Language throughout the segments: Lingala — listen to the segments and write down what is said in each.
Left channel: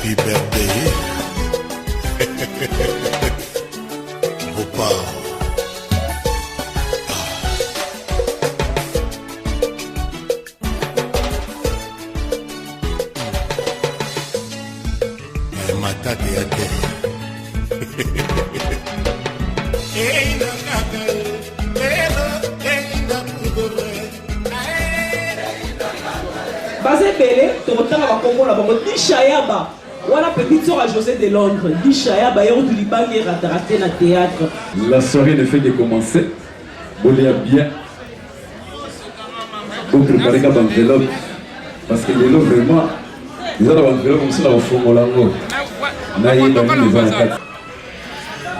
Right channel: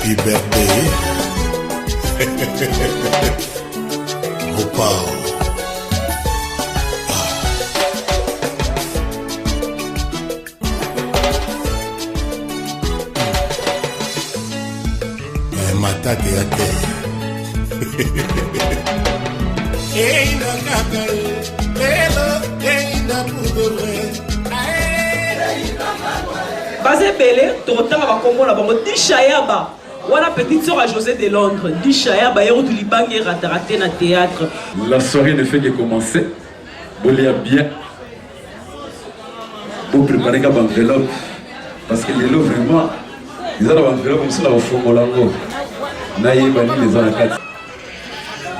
Happy birthday. Opa. Matate ya te. Eina kaka, elo, eina pudore. Basé Belé, tu retournes à Congo là-bas. Dishayaba, voilà petite sœur à José de Londres. Dishayaba, hier où tu libangs et raté na théâtre. La soirée ne fait que commencer. Vous l'avez bien. Vous préparez comme enveloppe. Parce que les lots vraiment, ils ont l'enveloppe comme ça au fond de l'angle.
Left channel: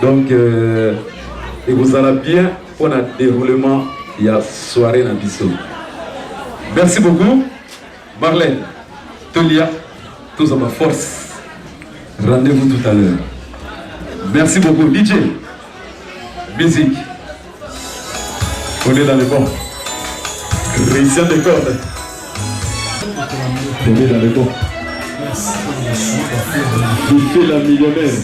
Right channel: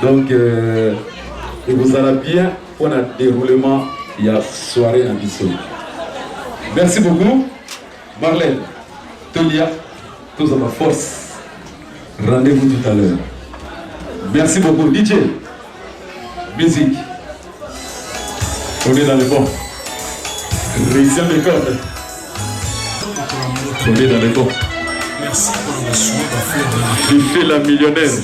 Donc, et vous allez bien pour le déroulement, il y a soirée dans Bissau. Merci beaucoup. Marlène, Tolia, tous à ma force. Rendez-vous tout à l'heure. Merci beaucoup. DJ, musique. On est dans le bon. Christian École. On est dans le bon. Merci pour le choix de faire je fais la millionnaire.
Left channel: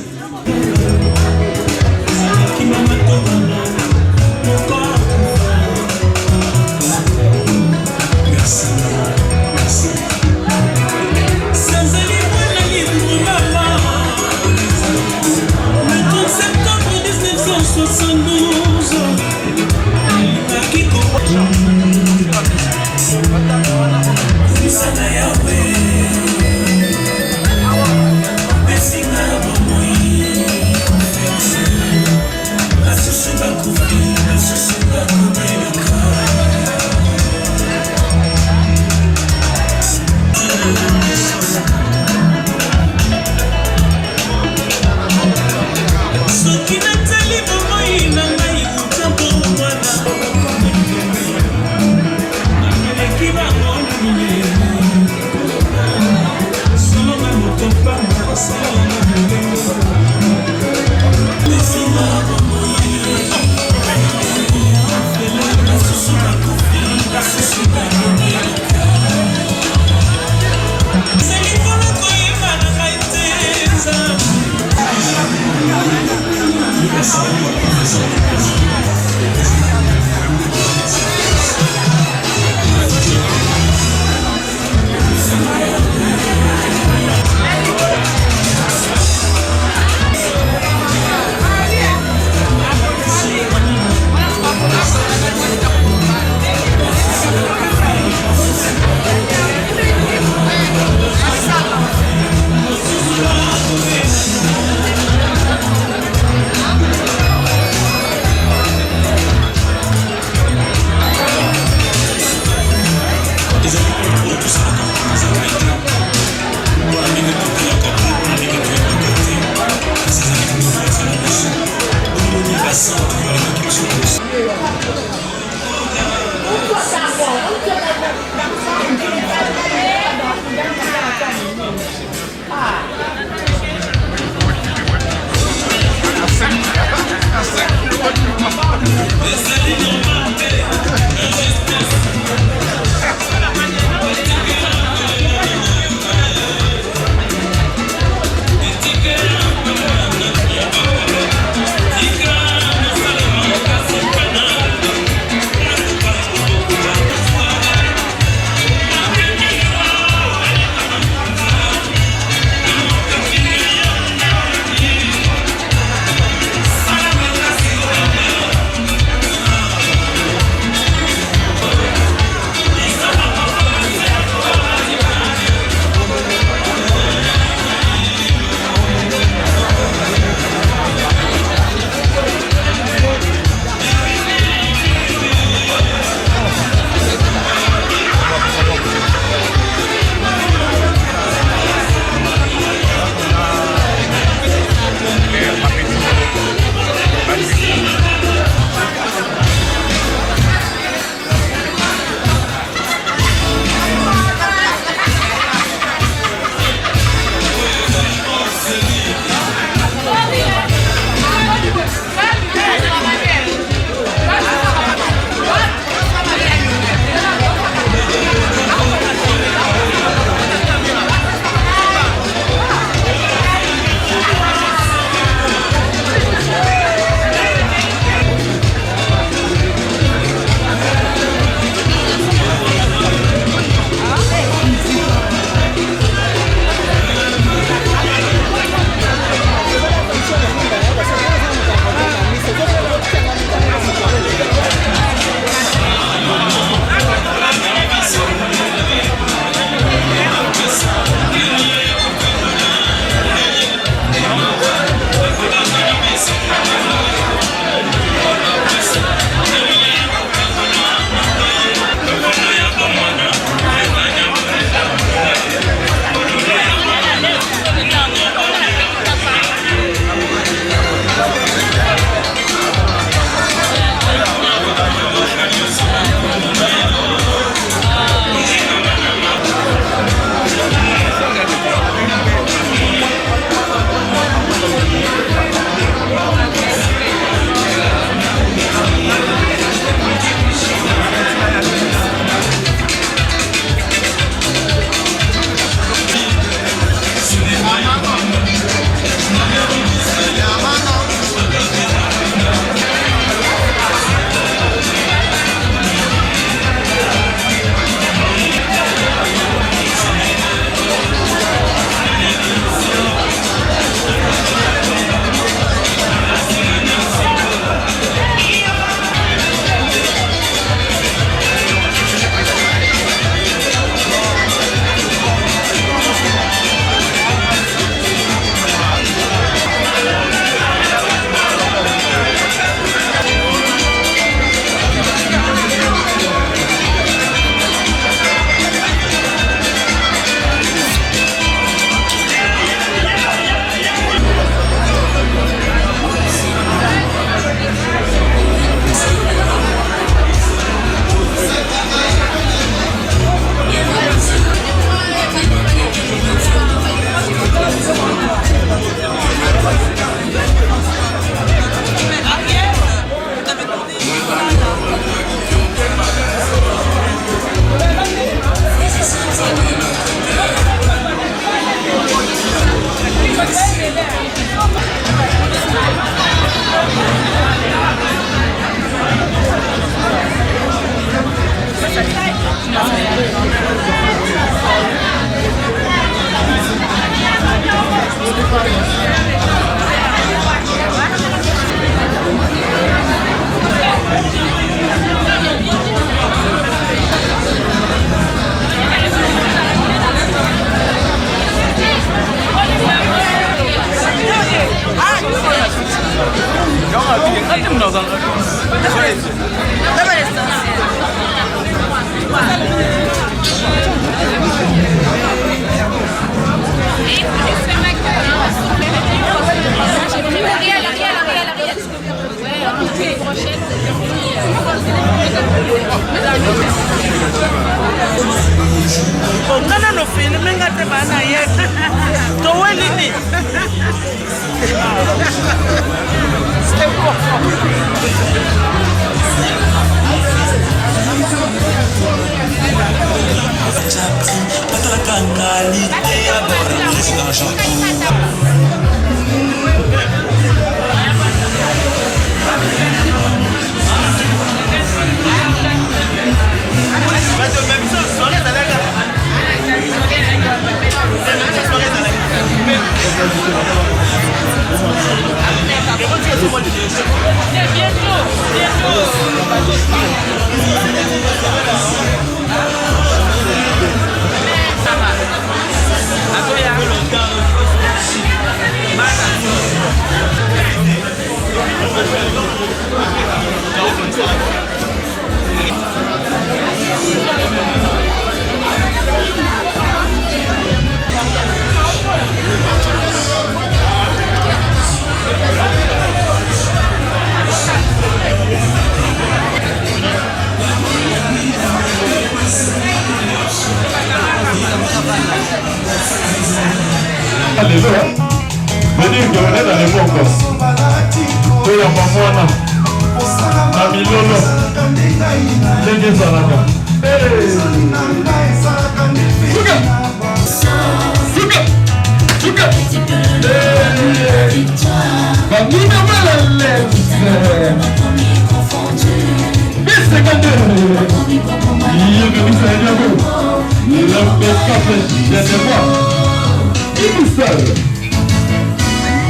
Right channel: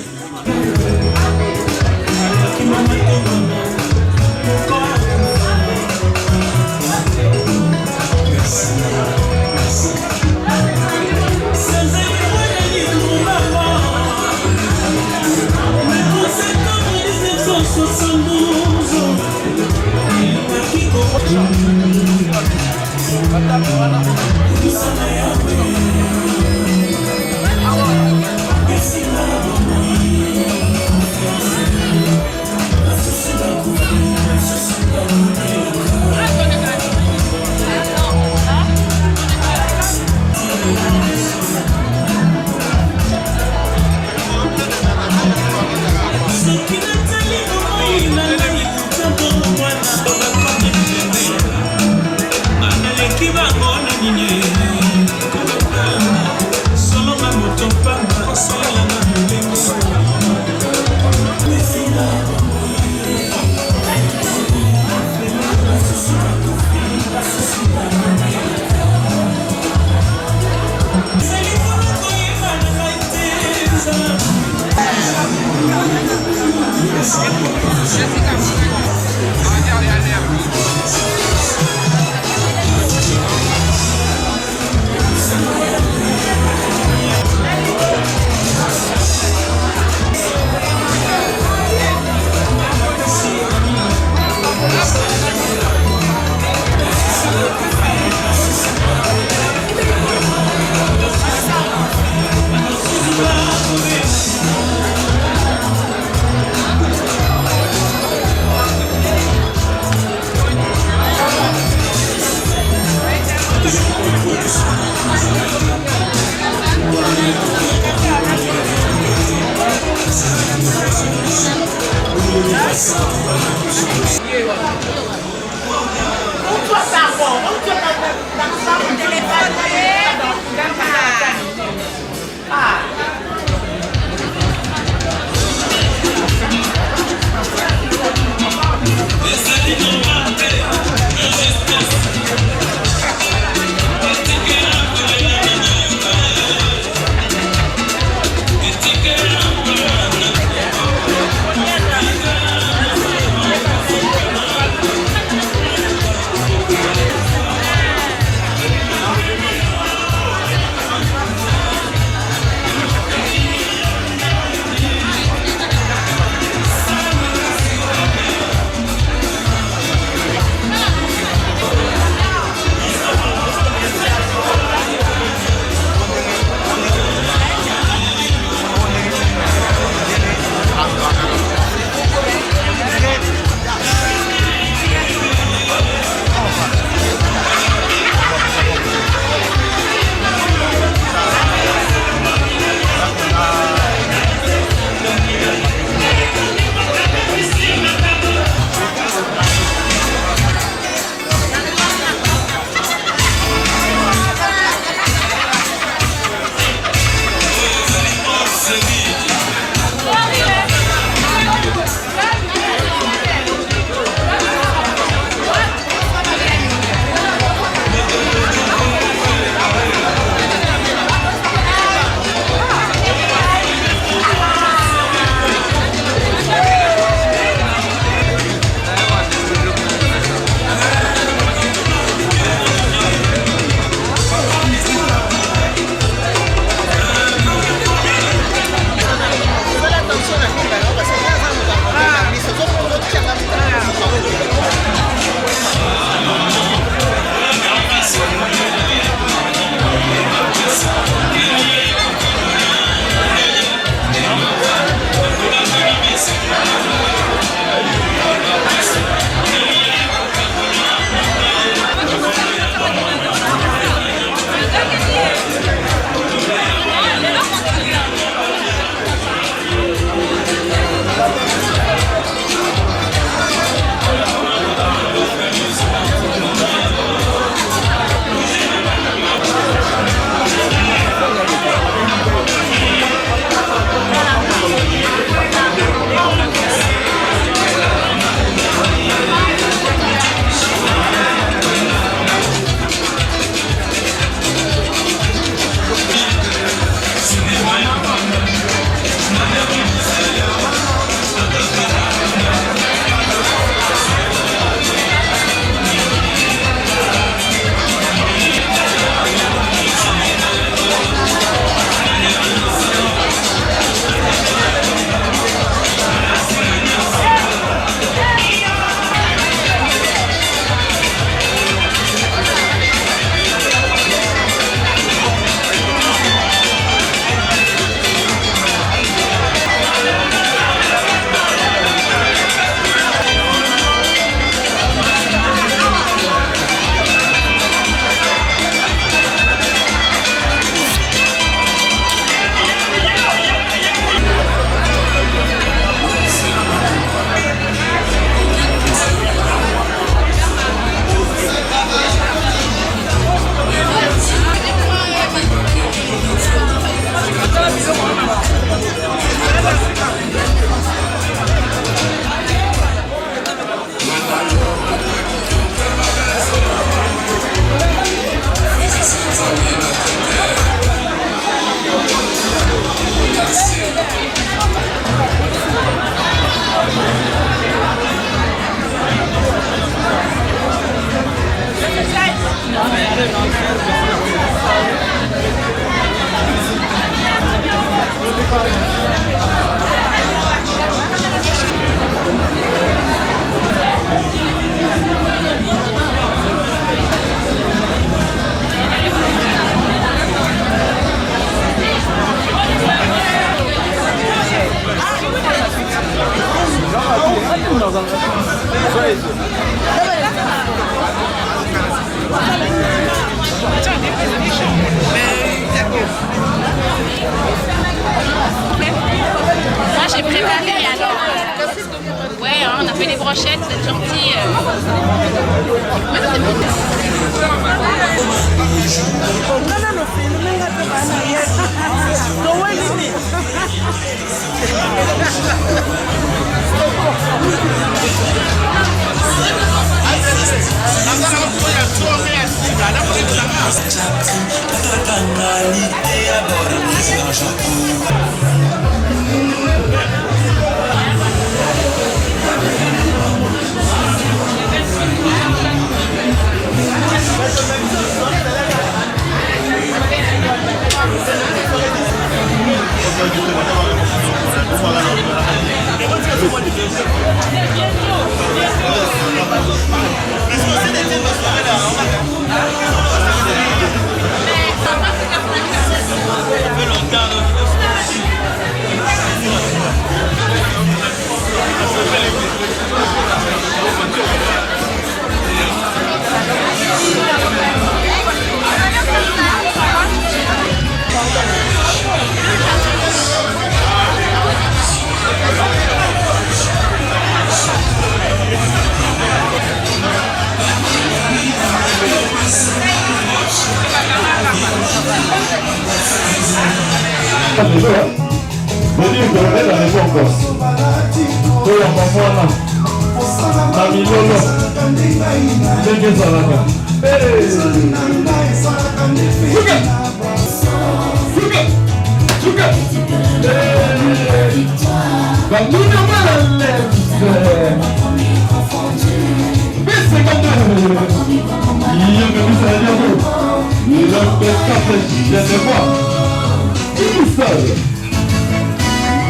qualité à bord président Château.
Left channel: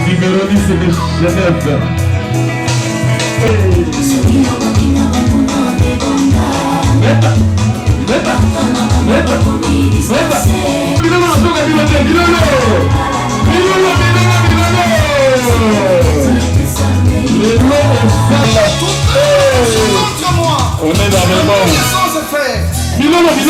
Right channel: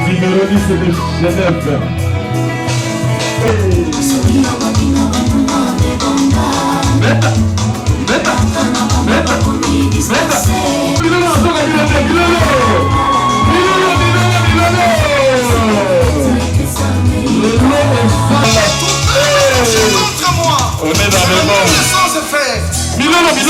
Numéro 10 de Genève. On est dans le monde. Genève.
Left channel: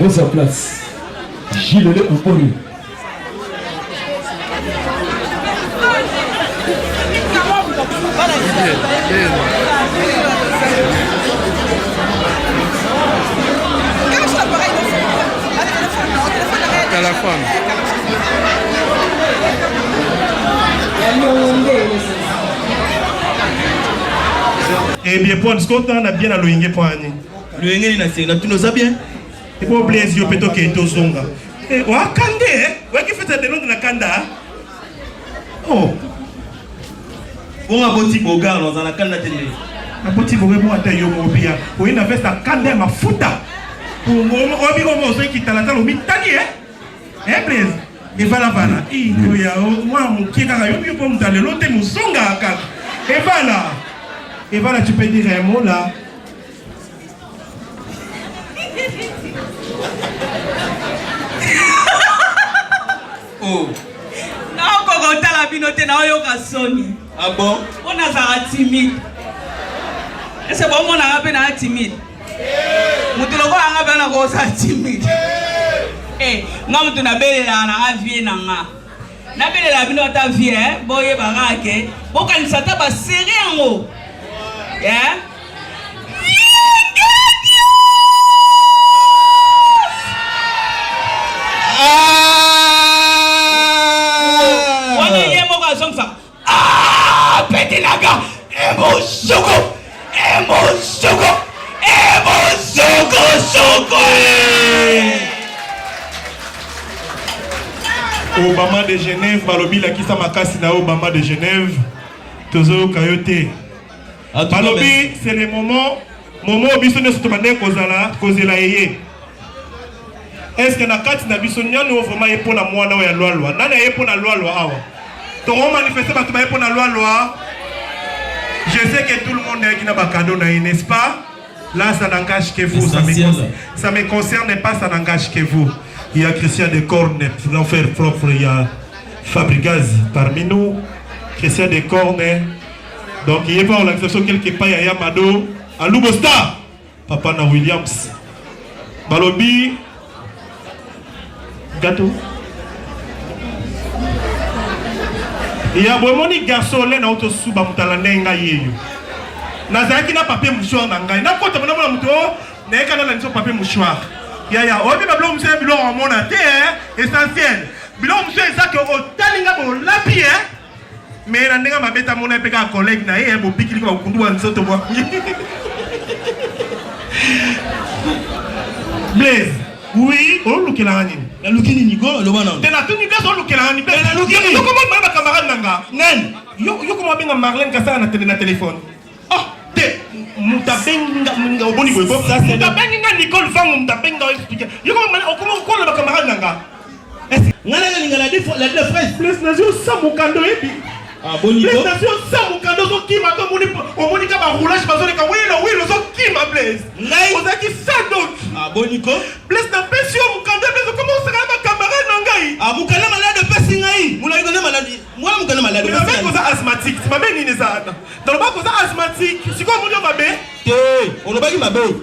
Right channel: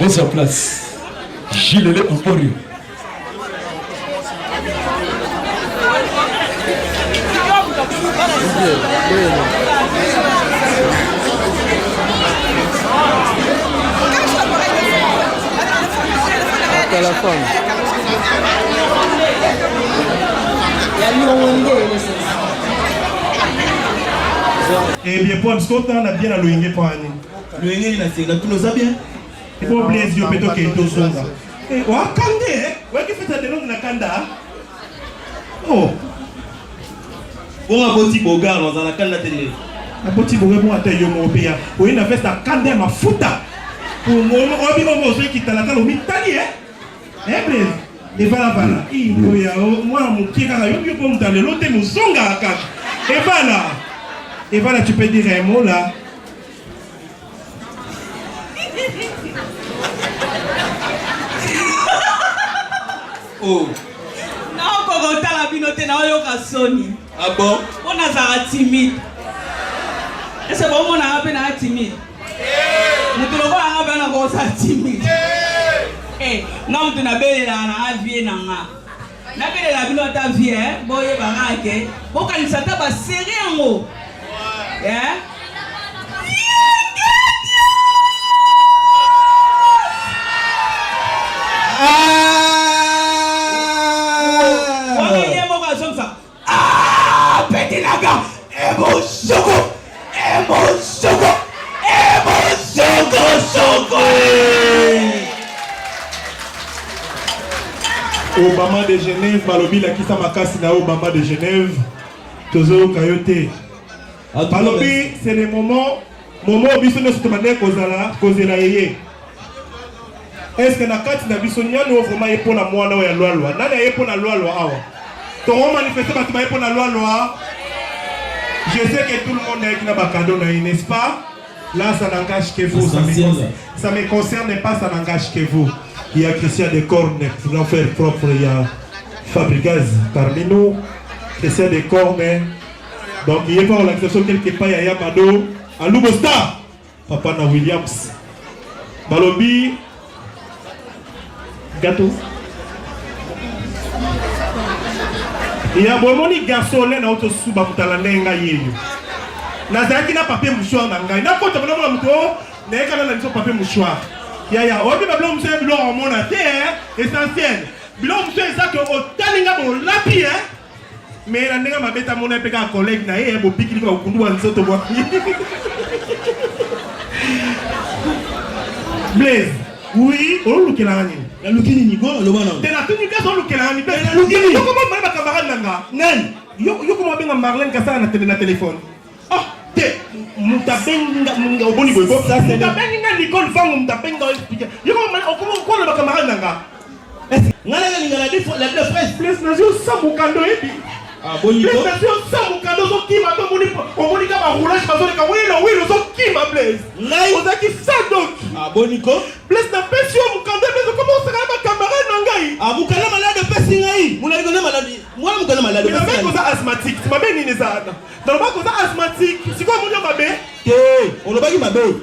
Dans sa place, Gilles le Poupori. Eh bien, pour ce qu'on a bien à l'oïngue pour année. L'oïngue, il a tout nos bien. Et pour plaisir, peut-être qu'il est au son. Eh, on a candé, ouais, qui fait ça de l'eau de la canda. Oh. On a botti bogar dans la canda télé. Un petit bogar pour atteindre le Mopia. Oui, il a fait ça candé ma fouta. On a dit qu'on va qui t'a la table au mitali, eh, plaisir. Et voilà, voilà. Moi, mon qui est à la yobi pour me donner l'autre, nous sommes à la et voilà. Et voilà, tu peux dire un mot là. Oh. Non, quand on t'a la binote, on a Sony. Ah bon? On a timide. Et c'est bon, on a appelé timide. Nous devons avoir timide. Eh, non, tu n'as pas la vie, n'a pas la binote vie, boye barake. Bon, quand il s'attaque à serrer en haut. Yeah? Obama de Genève, Balobi la kisa makasi na Obama de Genève, Tozo Kayote. Balobi, c'est le moment biso ne se demande kozela yeye. Est-ce que na kati na biso nyano vraiment yepo na mwana ya loi nana yepo na loi awa. To on manifester ba yepo na loi. Je sais que tout le monde est qui na ba cadeau na, n'est-ce pas? Là, ça n'engage que vous. Ça me concerne pas, ça n'engage que vous. Il y a Christian de Corne, l'enfer propre, il y a Fabricaz parmi nous. Christian de Corne. Donc, il n'y a pas l'exception quelque part, il y a Mado. À Lubosta, Papa na Williams. Balobi. Gâteau. Il y a vraiment des garçons là dans notre souba mutalanenga yeyo. Nazaki na papier mouchoir na ngai. Na kota mona mona muto, na kana na nso papier mouchoir. Ya, obi bablo mse bilo mona te essentiel. Bilo mse ça que o talinga bo lapi Mais na ndinga mabeta mona pe ka collègue na ye bo pikili ko kundu wa nsoto bo. Blaise, oui, on look la nini. Na lukini ni go lo bana. Tena tu ni kaso look la nini. Na lukini. Comment ba camarade nanga? Nan. Yo comment benga Marlène Kassara na téléphone. Oh, te mutabenga munga boni boy. Mutabenga Nicole Fang mutabenga expliquer. Yo comment le camarade nanga? Ngala ngala la phrase Plus na zo samukando yebi. Ah boni ko. Plus na zo samukando zo kima to moni ka ba roulage bazo le ka oui zo kima Blaise. Ngai ozaki ça donc. Ah boni ko. Blaise na pesio mukando Blaise comment sera ba camarade nangai? Ah mukala malade pesi ngai. Muna iko na malade. Moi mukala malade. Mais même cause asthmatique, c'est pas même ni ça. Dans le bas cause asthmatique, c'est quoi mon dieu mabé? On a pas qui mabé.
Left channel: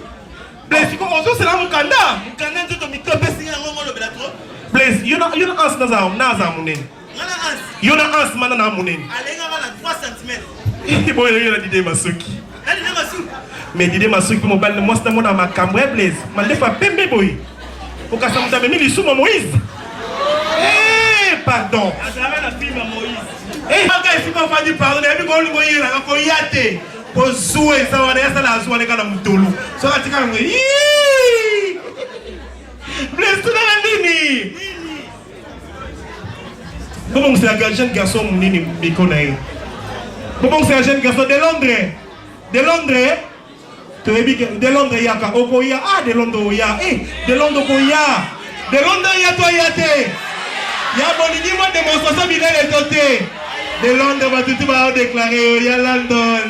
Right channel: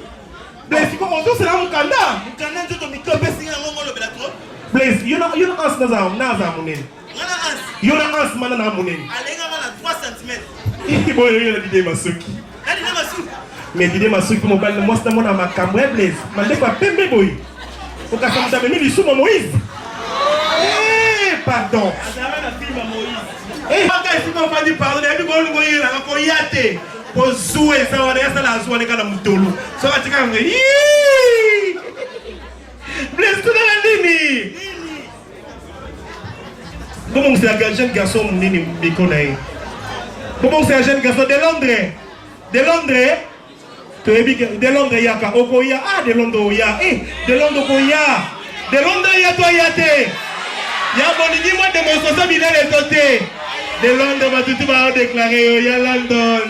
Blaise c'est comment c'est là mukanda? Mukanda nzoto miko pesi ngai ngo lo belato. Blaise, you know as naza munen. Ngana as. You know as mana na munen. Alenga bana 3 cm. Il boy il a dit Masuki. Ali na Masuki. Mais dit Masuki mo bal mo sta mo na makambo Blaise. Mande pa pembe boy. Au cas ça me dit sous Moïse. Eh pardon. Azara na film Moïse. Eh maga ici pas va dire pardon, et puis ko ngoye na ko yate. Ko zuwe ça wana ya sala zuwa ne kana mtolo. So katika ngi. Blaise tu na nini? Comment c'est un jeune garçon nini bikonae? Comment c'est un jeune garçon de Londres? De Londres? Tu es bien de Londres yaka okoya de Londres ya de Londres boya. De Londres ya to yate. Ya bonidi moi démonstration bilele toté. De Londres va tout va déclarer ya London.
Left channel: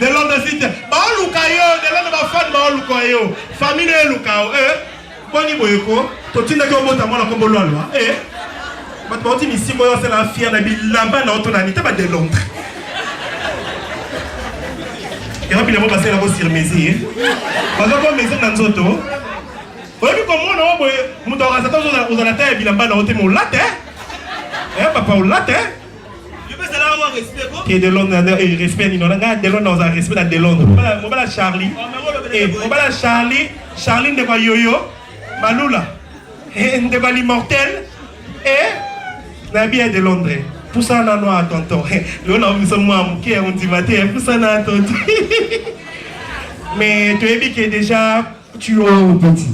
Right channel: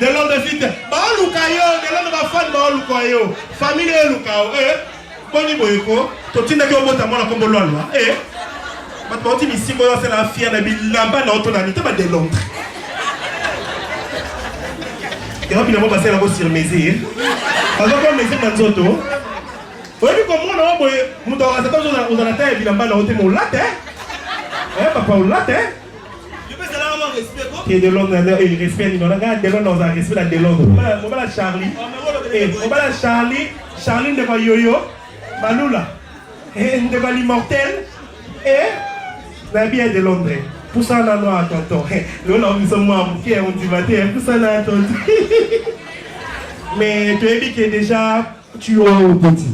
De Londres site. Ba lukayo, de Londres va fan ba lukayo. Famille lukao Boni boyeko, to tinda ko mota mona ko bololwa but parti ici moi c'est la fière na bilamba na otonani ta ba de Londres. Ya rapi na ba sala ko sur mesure. Ba ko mesure na nzoto. Ba bi ko mona boy muto ka sa to za na ta bilamba na otemo late. Papa o late. Je peux ça là respect ko. Qui de Londres et respect ni non nga de Londres on a respect na de Londres. Mo ba la Charlie. Mo ba la Charlie de ba yoyo. Malula, de Bali mortel, la bière de Londres. Pour ça, on a noir à tonton. On a mis on dit matin, pour ça, on a tonton. Mais tu es dit que déjà, tu as un petit.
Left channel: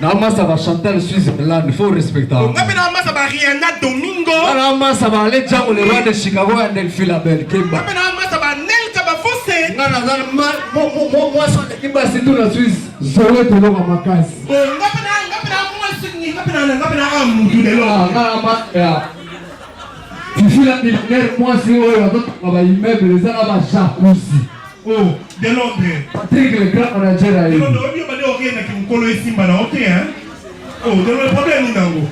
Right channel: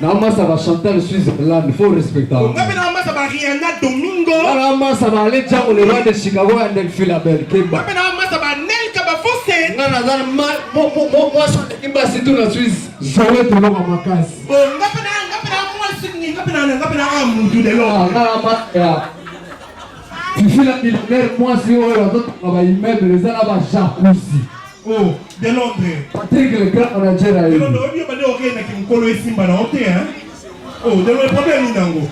Namasa va chanter le Switzerland, il faut respecter. Namasa va Rihanna Domingo. Namasa va aller dire le roi de Chicago et de Philabel. Namasa va Nel Kabafose. Namasa moi son équipe c'est tout la Suisse. Je vais te le ramacasse. Tu fais la militaire, moi si on a d'autres travail, mais les gens là-bas jacuzzi. Oh, de Londres. Patrick le grand on a déjà là. De Londres, on va dire ok, na kimkolo esimba na ok hein. Oh, de Londres problème ni nango.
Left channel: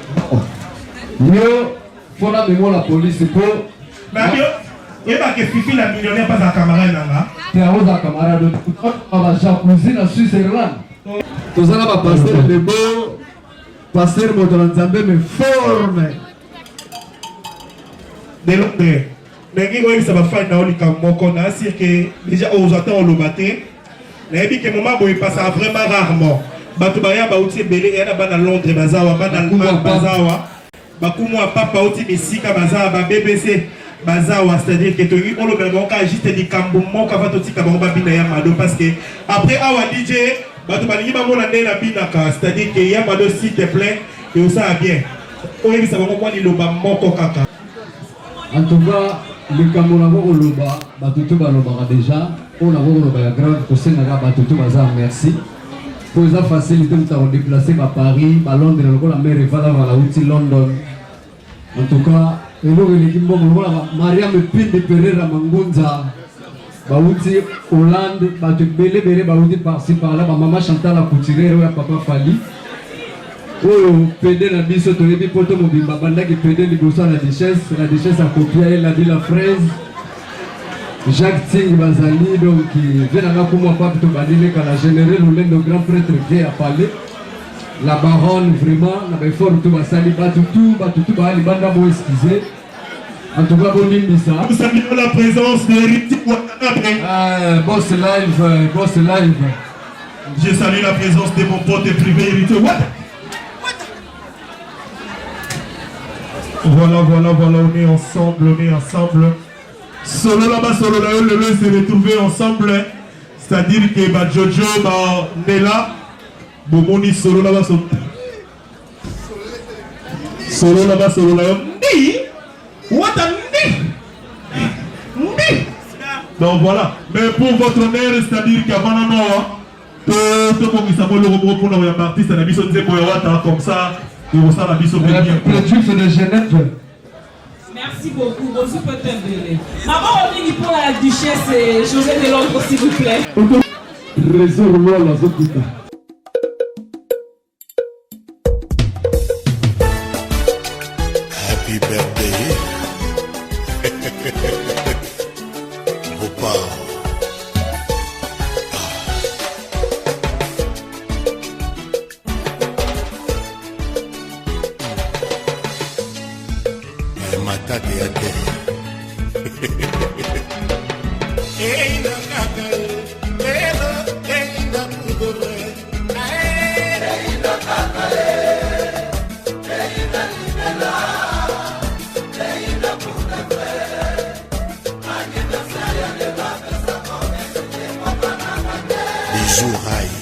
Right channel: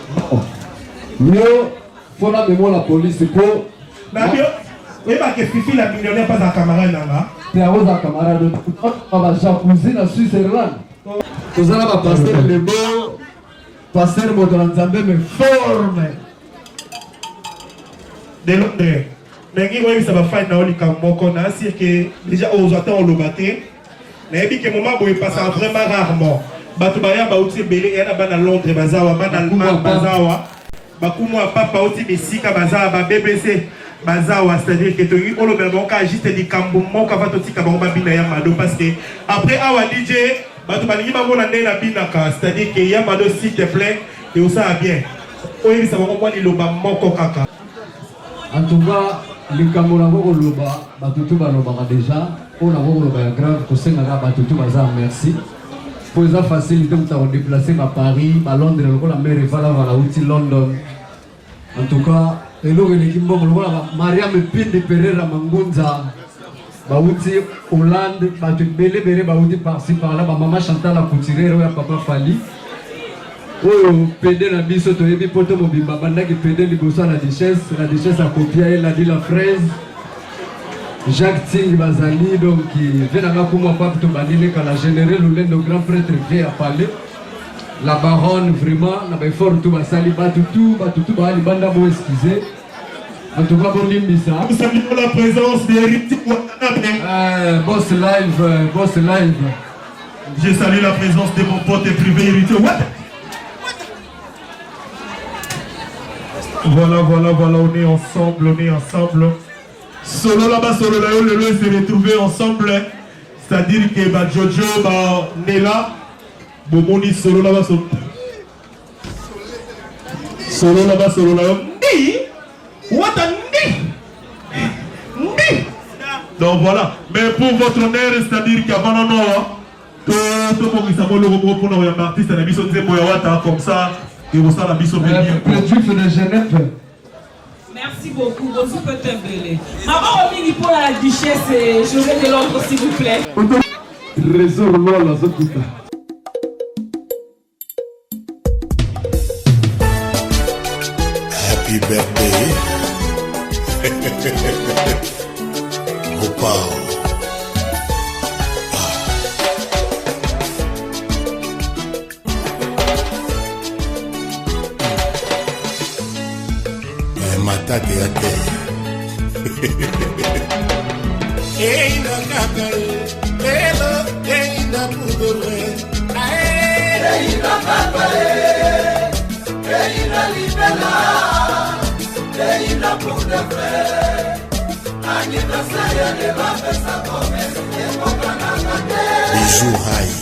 Yo, faut la mémoire la police pour. Na bio, et ba que Fifi la millionnaire pas à camarade nanga. Tu as un camarade on va jacuzzi na Switzerland. Tous là va passer le bon passer mon Nzambe mais forme. De Londres. Mais il ça va faire dans le camp na c'est que déjà aux autant le batté mais bi que maman boy passe vraiment rarement batu baya ba uti belé era bana Londres bazawa bana bazawa bakumwa papa uti misika bazawa ba BBC bazawa c'est-à-dire que tu on le ben ka juste di kambo mo ka fa to tika ba bina ya mado parce que après awa DJ batu bani ba mona ndela binaka c'est-à-dire que ya mado s'il te plaît et ça bien oyebi ça ba ko ni lo ba moko kaka en tout cas le Cameroun a loba batutu ba loba déjà on a loba grave ko senga batutu baza merci pour ça facilité de déplacer à Paris, à Londres, la mer est à London. En tout cas, et là, l'équipe Maria me pine de Pereira Mangunza, Baouti, Hollande, Patrick Bélé, Baouti par-ci par-là, maman Chantal la Couturère, papa Fali. Oh, pédé la biso, tu es poto mobile, banda qui pédé les bossons la duchesse a copié, elle a dit la fraise. Jacques Ting Bazali, donc, qui vient à la Kouma Papto Badile, quand la générale, on est le grand prêtre vient à parler. La baronne, vraiment, la fort tout Basali, Batoutou, Bali, Banda, moi, excusez. En tout cas, bon Limbisa. Nous saluons la présence d'Héritier Watanabe. Boss live. Je salue la présence de mon pote privé Héritier Watanabe. Voilà, on est ensemble. Solo là-bas, le s'est retrouvé ensemble. C'est-à-dire que Jojo, Nela, Bomoni, solo là-bas, donc voilà. Mais pour votre honneur, c'est-à-dire qu'avant tout le monde s'appelle le robot pour nous artiste, on a mis son comme ça, et on s'en a mis son bien. De Genève. Merci beaucoup. Bonjour, peut-être belé. Maman, on pour la duchesse et José de Londres, s'il vous plaît. Réseau-moi la Zokuta. Happy birthday. Opa. Matate ya te. Eina kakal, pelo, eina pudore. Eina kakal, eina libela, eina pudore. Agina saya de la pesa come, bijou high.